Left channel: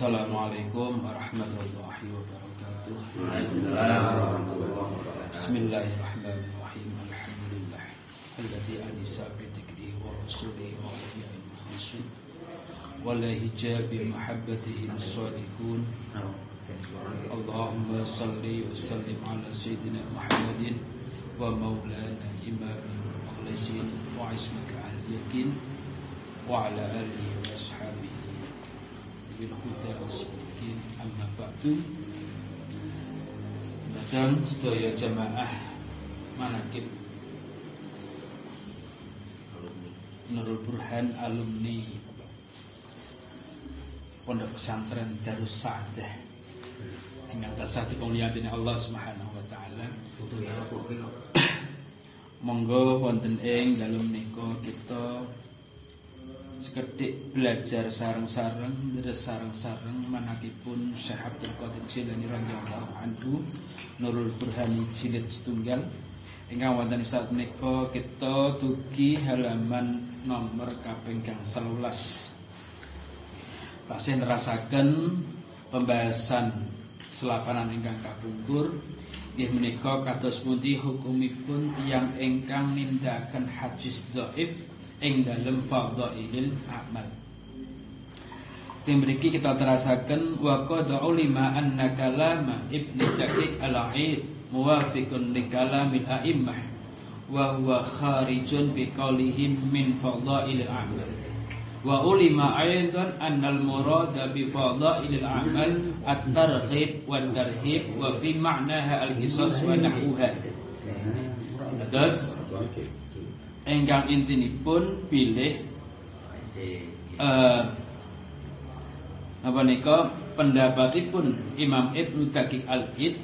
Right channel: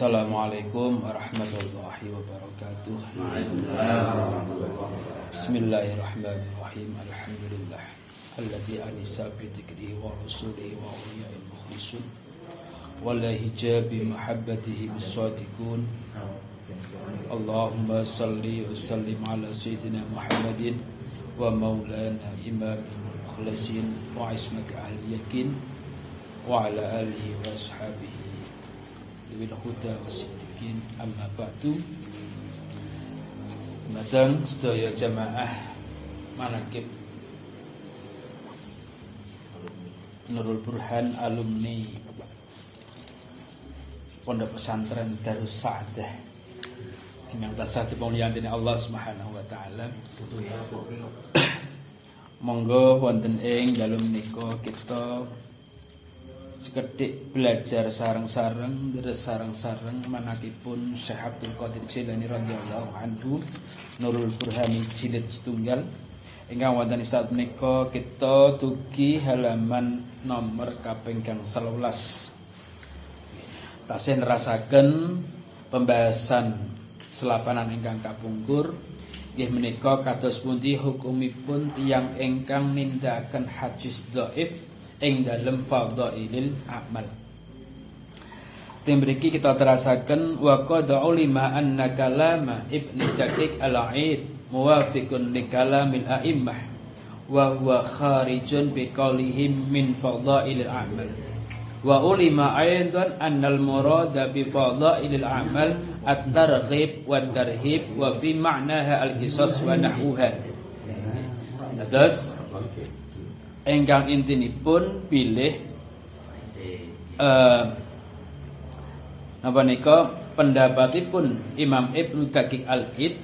Assalamualaikum warahmatullahi wabarakatuh. Bismillahirrahmanirrahim. Alhamdulillah alladzi anisa bi dzikrihi wa rasulihi wa awliya'il mukhlisun wa la hijabi muhabbatihi bis-sadiqun. Allahumma salli wa sallim ala sayyidina Muhammadin wa maulana imamil mukhlisin wa ismati ahli yakin wa ala alihi wa ashabihi bil huda wasdiqin. Amma ba'du. Madang sedaya jamaah manaqib Nurul Burhan alumni Pondok Pesantren Darus Sa'adah ingkang tansah dipunmulyani Allah Subhanahu wa taala. Monggo wonten ing dalem menika kita sekedhik belajar sareng-sareng bersareng-sareng manakipun Syekh Abdul Qadir Jilani radhiyallahu anhu Nurul Burhan jilid setunggal ingkang wonten saat menika kita dugi halaman nomor kaping 11. Tasih nerasaken pembahasan selapanan ingkang kapungkur nggih menika kados pundi hukumipun tiyang ingkang nindakaken hadis dhaif ing dalem fadhailil amal. Tembriki kita terasaken wa qad ulima anna kalama Ibnu Daqiq al-Aid muwafiqun li kalamil a'immah wa huwa kharijun bi qaulihim min fadhailil amal. Wa ulima aidan anna al-murada bi fadhailil amal at-targhib wa tarhib wa fi ma'naha al-qisas wa nahwuha. Terus engkang intinipun pilih napa nika pendapatipun Imam Ibnu Daqiq al-Aid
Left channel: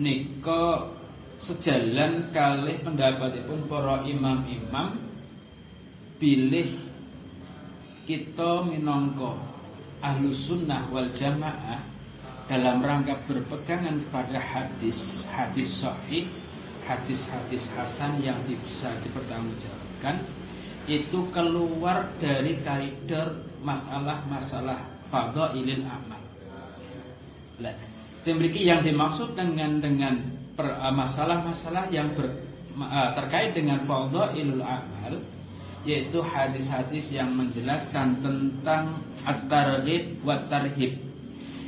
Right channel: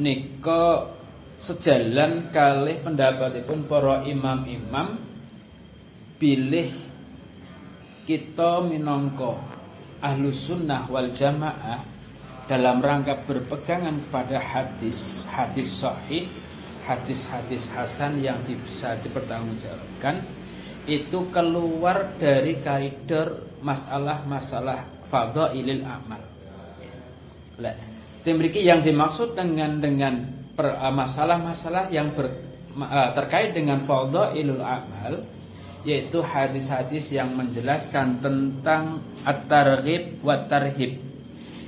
nika sejalan kalih pendapatipun para imam-imam pilih kita minangka Ahlus Sunnah wal Jamaah dalam rangka berpegangan pada hadis sahih, hadis-hadis hasan yang bisa dipertanggungjawabkan itu keluar dari koridor masalah-masalah fadhailil amal. Memiliki yang dimaksud dengan masalah-masalah yang terkait dengan fadhailul amal yaitu hadis-hadis yang menjelaskan tentang at-targhib wa tarhib,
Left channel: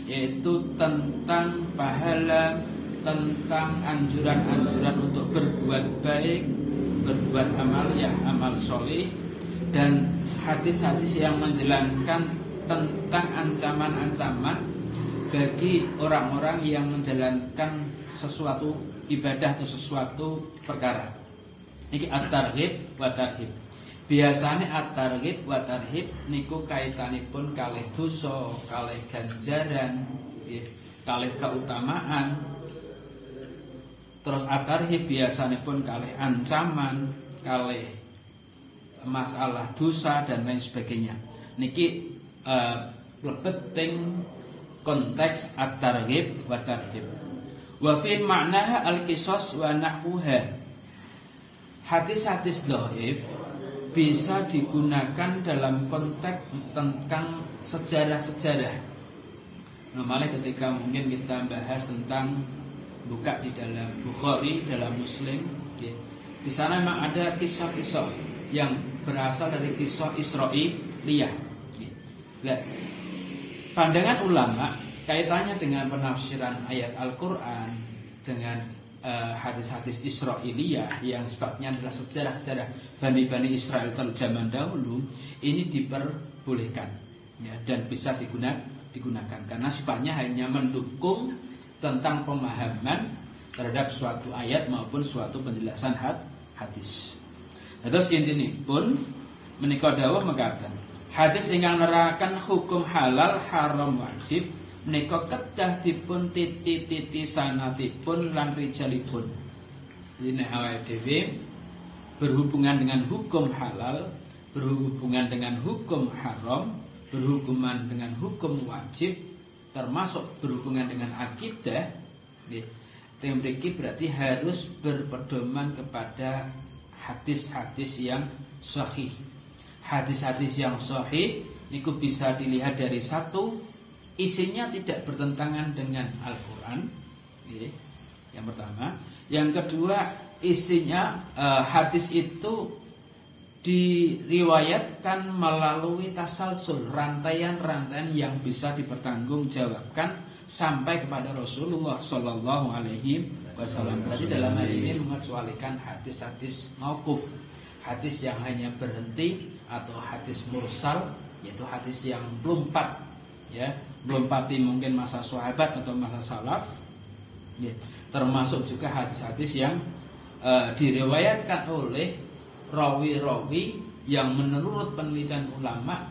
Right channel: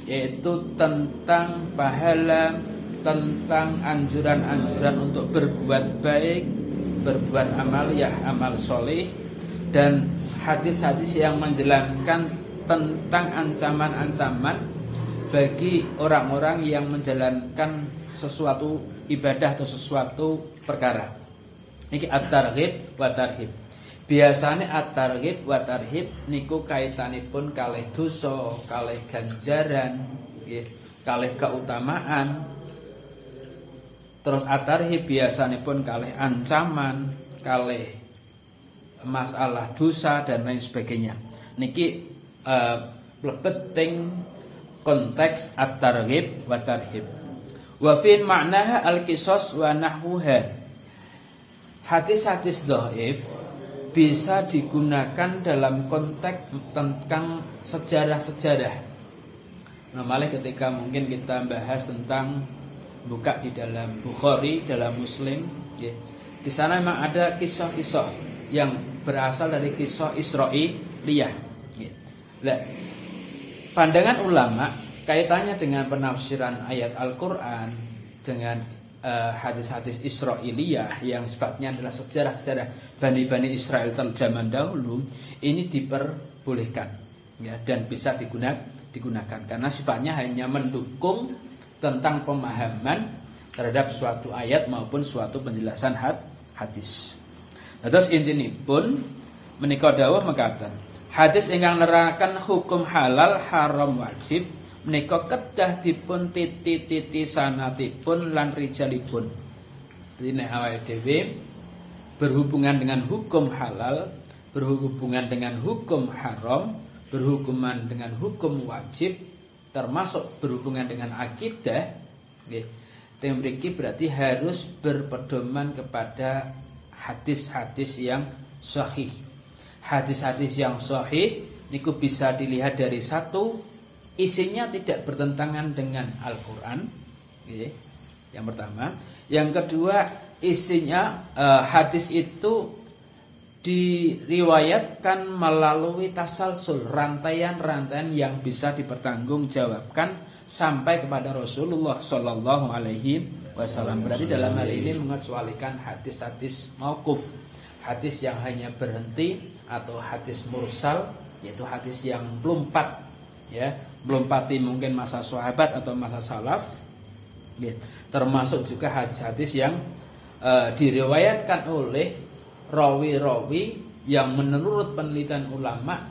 yaitu tentang pahala, tentang anjuran-anjuran untuk berbuat baik, berbuat amaliyah, amal soleh, dan hadis-hadis yang menjelaskan tentang ancaman-ancaman bagi orang-orang yang menjalankan sesuatu ibadah atau sesuatu perkara. Niki at-targhib wa tarhib. Biasanya at-targhib wa tarhib niku kaitanipun kalih dosa, kalih ganjaran, kalih keutamaan. Terus at-tarhib biasanya pun kalih ancaman, kalih masalah dosa dan lain sebagainya. Niki lebet teng konteks at-targhib wa tarhib. Wa fi ma'naha al-qisas wa nahwuha. Hadis-hadis dhaif bisa digunakan dalam konteks tentang sejarah-sejarah. Normalnya ketika mungkin kita bahas tentang buka di dalam Bukhari, dalam Muslim, ya. Di sana memang ada kisah-kisah yang berasal dari kisah Israiliyah. Ya. Nah, pandangan ulama kaitannya dengan penafsiran ayat Al-Quran dengan hadis-hadis Israiliyah yang sifatnya adalah sejarah-sejarah Bani Israel zaman dahulu ini diperbolehkan, ya, dan bisa digunakan karena sifatnya hanya mendukung tentang pemahaman terhadap suatu ayat maupun suatu penjelasan hadis. Terus intine pun menika dawuh mekaten. Hadis ingkang nerangkan hukum halal haram wajib menika kedah dipun titi sanatipun lan rijalipun. Jadi nek awake dhewe berhubungan dengan hukum halal, berhubungan dengan hukum haram, berhubungan dengan hukum wajib, termasuk berhubungan dengan akidah, tembriki berarti harus berpedoman kepada hadis-hadis yang sahih. Hadis-hadis yang sahih itu bisa dilihat dari satu isinya tidak bertentangan dengan Al-Quran, yang pertama. Yang kedua, isinya hadis itu diriwayatkan melalui tasalsul, rantaian-rantaian yang bisa dipertanggungjawabkan sampai kepada Rasulullah Shallallahu Alaihi Wasallam. Berarti dalam hal ini mengecualikan hadis-hadis mauquf, hadis yang hanya berhenti, atau hadis mursal, yaitu hadis yang melompat, ya, melompati mungkin masa sahabat atau masa salaf. Ya, termasuk juga hadis-hadis yang diriwayatkan oleh rawi-rawi yang menurut penelitian ulama,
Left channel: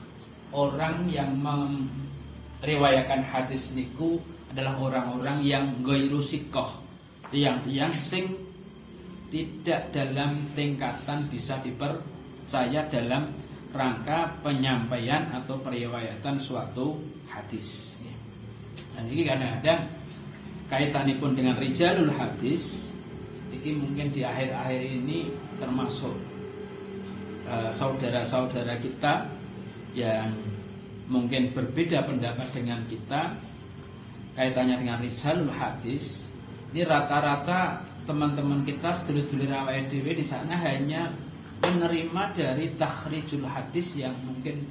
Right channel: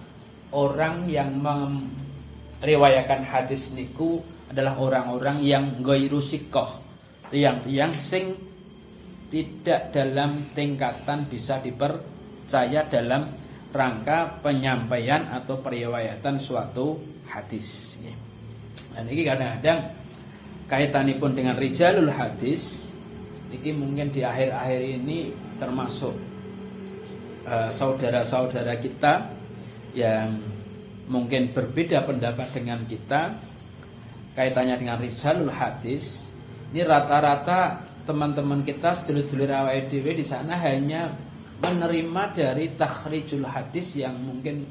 orang yang meriwayatkan hadis niku adalah orang-orang yang ghairu siqah, tiang-tiang sing tidak dalam tingkatan bisa dipercaya dalam rangka penyampaian atau periwayatan suatu hadis. Dan ini kadang-kadang kaitanipun dengan rijalul hadis, ini mungkin di akhir-akhir ini termasuk saudara-saudara kita yang mungkin berbeda pendapat dengan kita kaitannya dengan rijalul hadis. Ini rata-rata teman-teman kita sedulur-sedulur awake dhewe di sana hanya menerima dari takhrijul hadis yang mungkin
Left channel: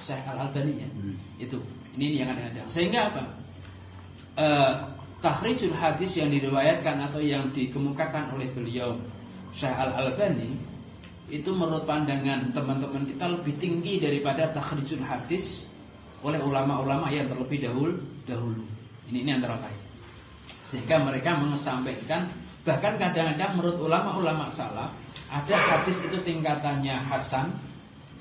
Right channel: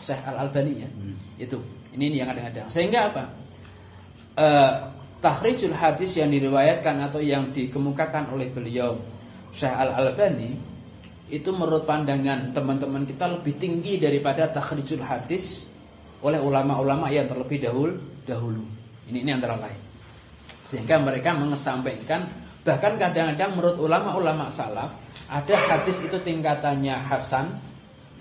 Syekh Al-Albani, ya. Itu. Ini yang kadang-kadang. Sehingga apa? Takhrijul hadis yang diriwayatkan atau yang dikemukakan oleh beliau Syekh Al-Albani itu menurut pandangan teman-teman kita lebih tinggi daripada takhrijul hadis oleh ulama-ulama yang terlebih dahulu. Ini antara lain. Sehingga mereka mengesampaikan, bahkan kadang-kadang menurut ulama-ulama salaf ada hadis itu tingkatannya hasan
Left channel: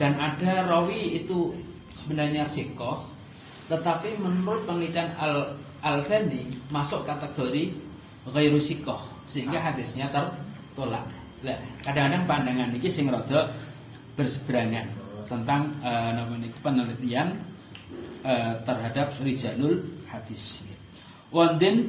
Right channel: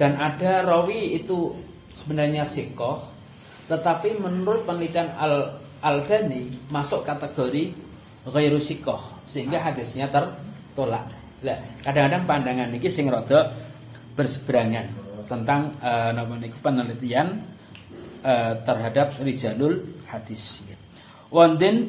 dan ada rawi itu sebenarnya siqah, tetapi menurut penelitian Al-Albani masuk kategori ghairu siqah, sehingga hadisnya tertolak. Nah, kadang-kadang pandangan ini sing rada berseberangan tentang penelitian terhadap rijalul hadis. Wonten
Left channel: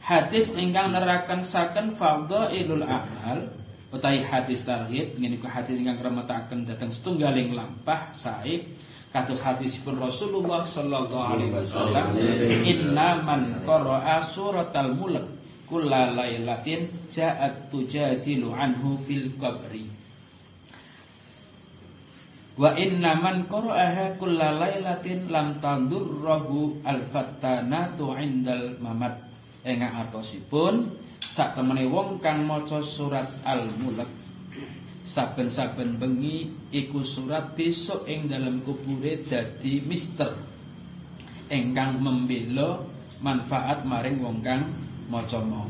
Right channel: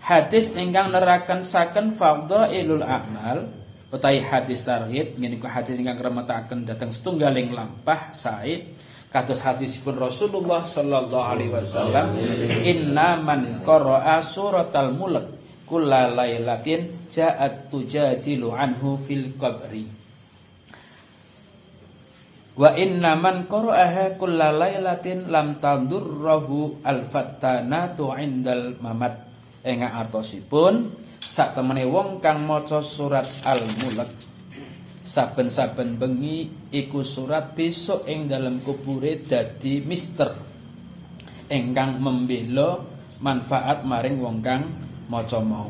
hadis ingkang neraken saken fadhailul a'mal utawi hadis targhib, menika hadis ingkang remetaken dhateng setunggaling lampah sae kados hadisipun Rasulullah sallallahu alaihi wasallam, inna man qara'a suratal mulk kulla lailatin ja'at tujadilu anhu fil qabri wa inna man qara'aha kulla lailatin lam tadurruhu al-fattanatu 'indal mamat. Engak artosipun sak temene wong kang maca surat Al-Mulk saben-saben bengi iku surat besok ing dalam kubure dadi mister ingkang membela manfaat maring wong kang maca mau.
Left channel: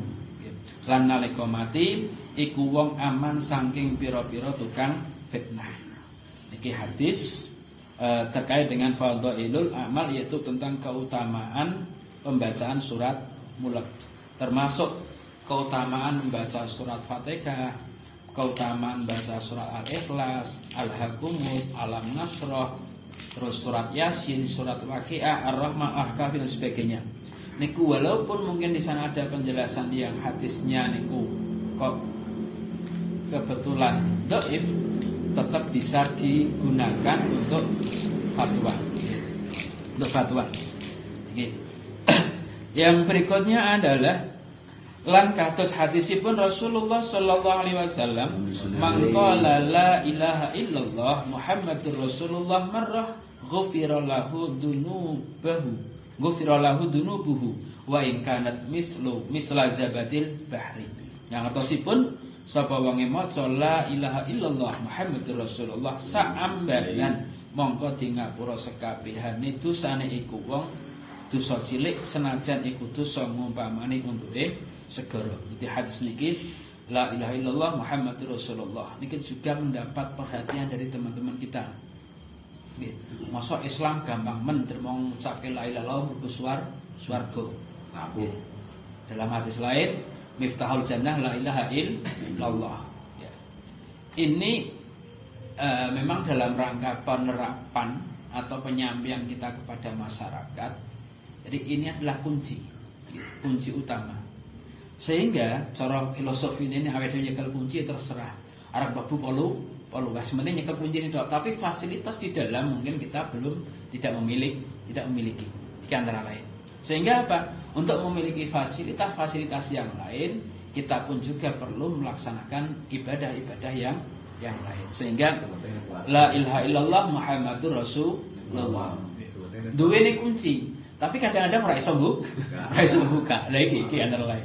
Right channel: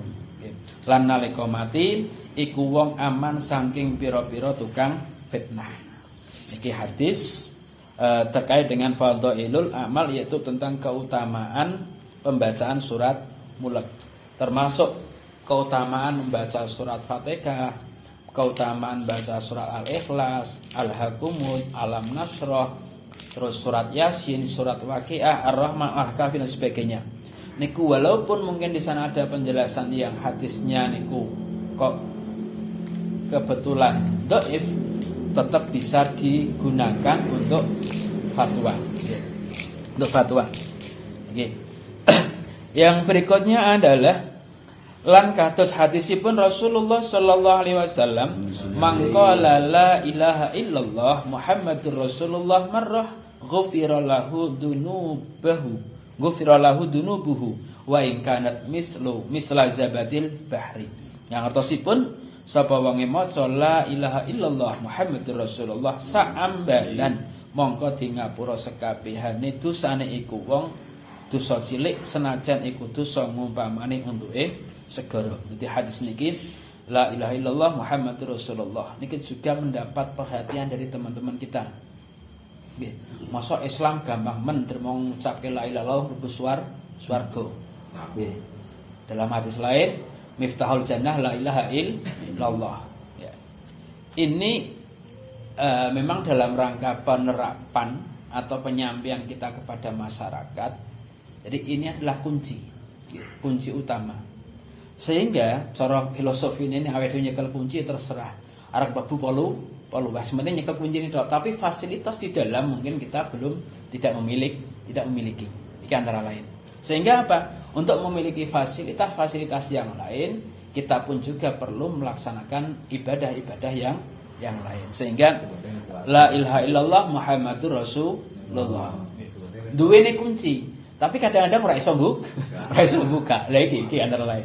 Lan nalika mati iku wong aman saking pira-pira tukang fitnah. Iki hadis terkait dengan fadhailul amal, yaitu tentang keutamaan pembacaan surat Mulk, termasuk keutamaan membaca surat Fatihah, keutamaan baca surat Al-Ikhlas, Al-Hakumut, Alam Nasrah, terus surat Yasin, surat Waqiah, Ar-Rahman, Al-Kahfi dan sebagainya. Niku walaupun mungkin di sana ada penjelasan yang hadisnya niku kok kebetulan dhaif, tetap bisa digunakan untuk fatwa. Untuk fatwa. Okay. Yang berikutnya adalah lan kados hadisipun Rasulullah sallallahu alaihi wasallam, maqala la ilaha illallah Muhammadur Rasulullah marrah ghufira lahu dunubuhu wa in kanat misla zabadil bahri. Yang artosipun sapa wong maca la ilaha illallah Muhammadur Rasulullah saambalan mongko di ngapura sekabehane dosane iku wong dosa cilik senajan iku dosa ngumpamane untuke segara. Jadi hadis niki la ilaha illallah Muhammadur Rasulullah niki juga mendapat perhatian dari teman-teman kita. Nggih, masa Islam gampang men terima ngucapke la ilaha illallah mlebu swarga. Nggih. Dalam hadis lain miftahul jannah la ilaha illallah. Ya. Ini memang dalam rangka penerapan atau penyampaian kita kepada masyarakat. Jadi ini adalah kunci utama. Sehingga cara filosofi ini awake dhewe nyekel kunci terserah. Arep babu polu wis penting nyekel kunci ini tok, tapi fasilitas di dalam mungkin kita tidak memiliki. Ini antara lain. Sehingga apa? Untuk memiliki fasilitas-fasilitas yang lain, kita pun juga perlu melaksanakan ibadah-ibadah yang lain. Sehingga la ilaha illallah Muhammadur Rasulullah. Duwe kunci, tapi kadang-kadang ora iso buka. Lagi antara lain.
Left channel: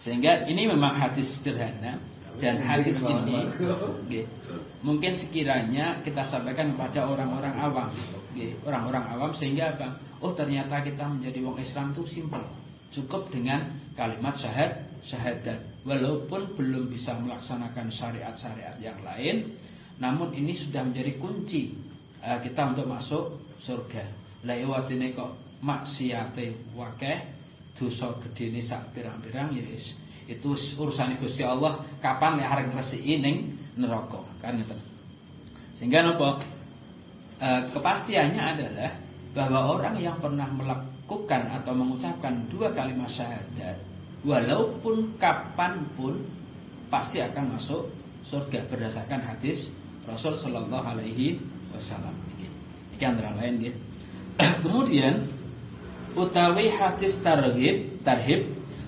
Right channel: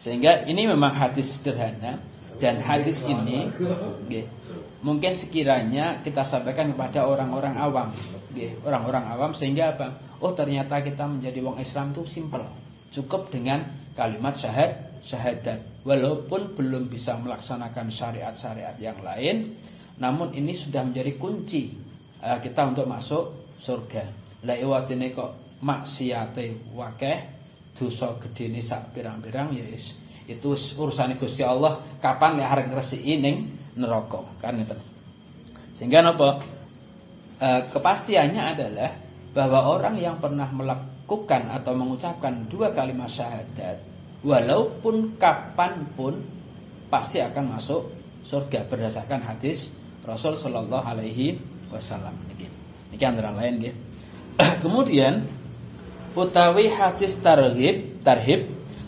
Sehingga ini memang hadis sederhana, dan hadis ini mungkin sekiranya kita sampaikan kepada orang-orang awam, orang-orang awam, sehingga apa? Oh, ternyata kita menjadi wong Islam itu simpel, cukup dengan kalimat syahadat. Walaupun belum bisa melaksanakan syariat-syariat yang lain, namun ini sudah menjadi kunci kita untuk masuk surga. Lah iwatine kok maksiate wakeh, dosa gedene sak pirang-pirang, ya itu urusan Gusti Allah, kapan lek arep ngresiki ning neraka, kan ngeten. Sehingga napa? Kepastiannya adalah bahwa orang yang pernah melakukan atau mengucapkan 2 kalimat syahadat, walaupun kapanpun pasti akan masuk surga berdasarkan hadis Rasul sallallahu alaihi wasallam. Iki antara lain nggih. Kemudian utawi hadis tarhib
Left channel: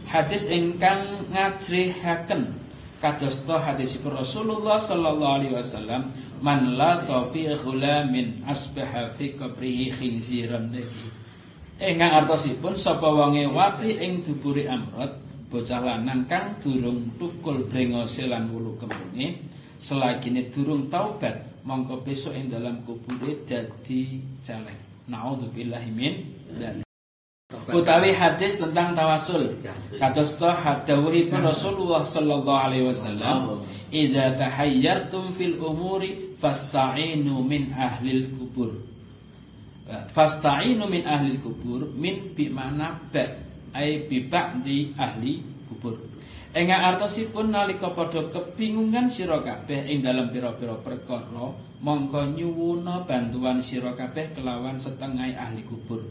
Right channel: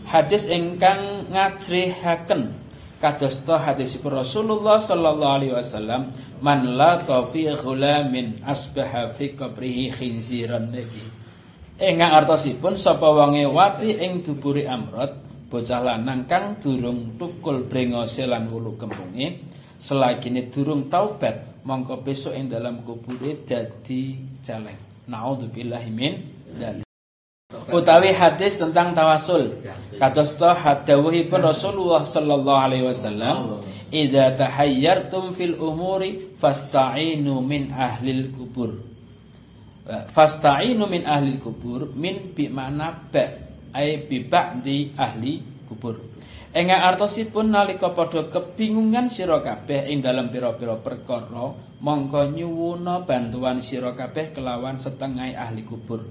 hadis ingkang ngajrihaken kadosta hadisipun Rasulullah sallallahu alaihi wasallam, man la tafi ghulamin asbaha fi qabrihi khinziran niki. Ingkang artosipun sapa wonge wati ing dubure amrot, bocah lanang kang durung tukul brengose lan wulu kemunge, selagine durung taubat, mongko besok ing dalam kubure dadi jalek. Naudzubillahi min dzalik. Utawi hadis tentang tawasul, kadosta hadawuhipun Rasulullah sallallahu alaihi wasallam, idza tahayyartum fil umuri fasta'inu min ahlil kubur. Fasta'inu min ahlil kubur, min bi makna ba, ai bi ba'di ahli kubur. Enga artosipun nalika padha kebingungan sira kabeh ing dalem pira-pira perkara, mongko nyuwuna bantuan sira kabeh kelawan setengah ahli kubur.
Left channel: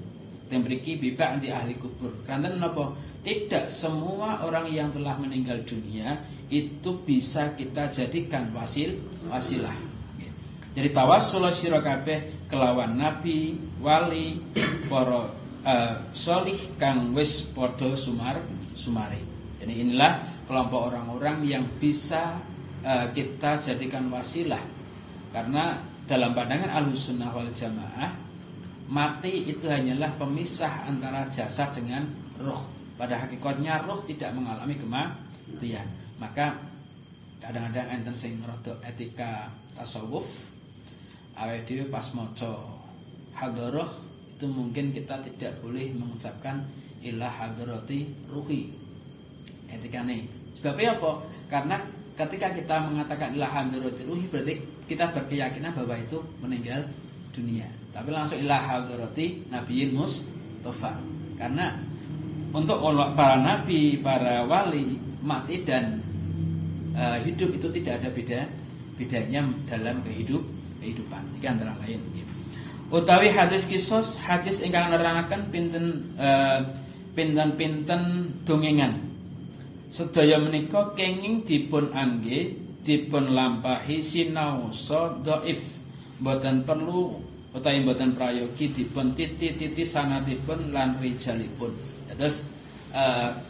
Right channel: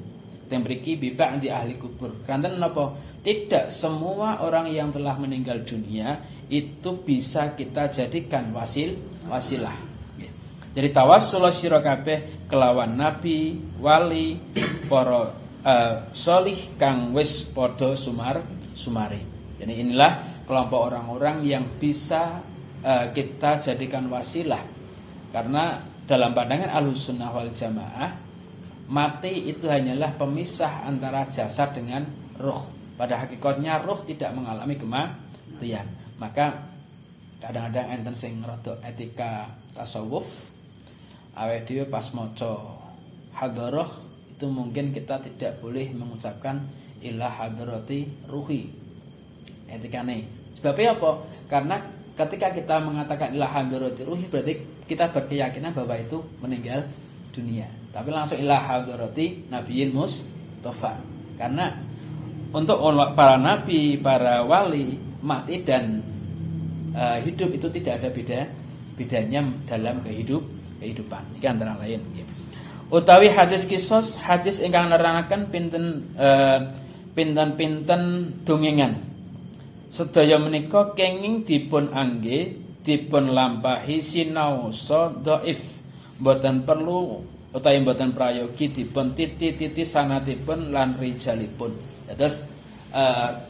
Tembriki bibak di ahli kubur. Karena kenapa? Tidak semua orang yang telah meninggal dunia itu bisa kita jadikan wasilah. Jadi tawassul sira kabeh kelawan nabi, wali, para solih kang wis padha sumari. Jadi inilah kelompok orang-orang yang bisa kita jadikan wasilah. Karena dalam pandangan Ahlussunnah wal Jamaah, mati itu hanyalah pemisah antara jasad dengan ruh. Pada hakikatnya ruh tidak mengalami kematian. Maka kadang-kadang enten sing rada etika tasawuf, awake dhewe pas maca hadharah itu mungkin kita tidak boleh mengucapkan ila hadrati ruhi. Etikane. Sebabnya apa? Karena ketika kita mengatakan ila hadrati ruhi berarti kita berkeyakinan bahwa itu meninggal dunia. Tapi langsung ila hadrati nabiyyin mustafa. Karena untuk para nabi, para wali, mati dan hidup itu tidak ada bedanya dalam kehidupan. Iki antara lain. Utawi hadis kisos, hadis ingkang nerangaken pinten dongengan. Sedaya menika kenging dipun angge, dipun lampahi sinaosa dhaif. Mboten perlu utawi mboten prayogi dipun titi sangatipun lan rijalipun. Terus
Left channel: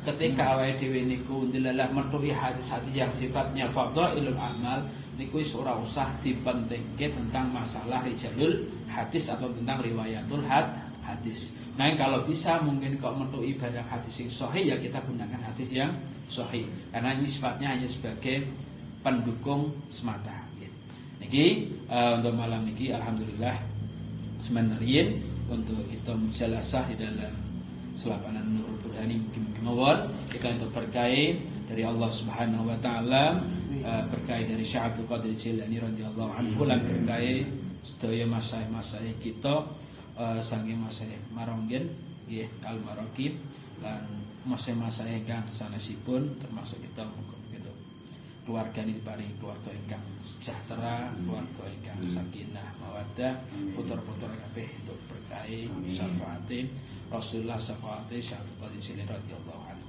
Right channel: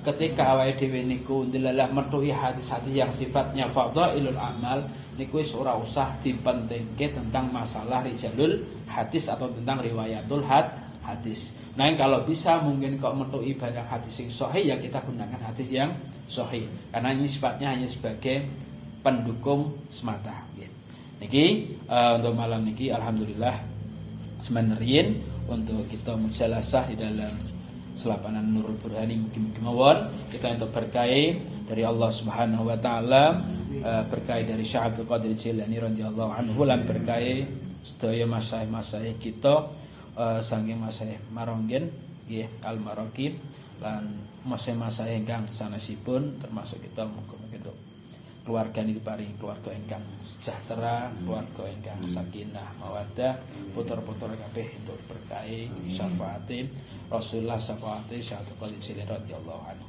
ketika awake dhewe niku ndelalah metuhi hadis-hadis yang sifatnya fadhailul amal niku wis ora usah dipentingke tentang masalah rijalul hadis atau tentang riwayatul hadis. Nah, kalau bisa mungkin kok metuhi barang hadis yang sahih, ya kita gunakan hadis yang sahih. Karena ini sifatnya hanya sebagai pendukung semata. Niki untuk malam niki alhamdulillah semenerin untuk kita mujalasah di dalam selapanan Nurul Burhani. Mungkin mawon kita untuk berkah dari Allah Subhanahu wa taala, berkah dari Syekh Abdul Qadir Jilani radhiyallahu anhu, lan berkah sedaya masyayikh kita saking masyayikh Maronggen nggih Al-Maraqib lan masyayikh ingkang sanesipun termasuk kita mungkin keluarga ini diparingi keluarga ingkang sejahtera, keluarga ingkang sakinah mawaddah, putra-putra kabeh untuk berkah syafaate Rasulullah syafaate Syekh Abdul Qadir Jilani radhiyallahu anhu.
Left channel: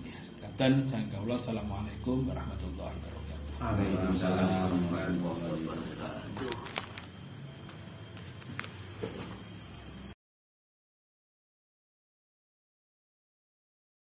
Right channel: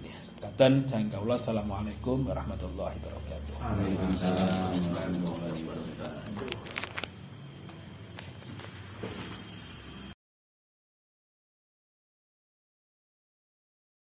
Ya, sekatan dan kaula assalamualaikum warahmatullahi wabarakatuh. Waalaikumsalam warahmatullahi wabarakatuh.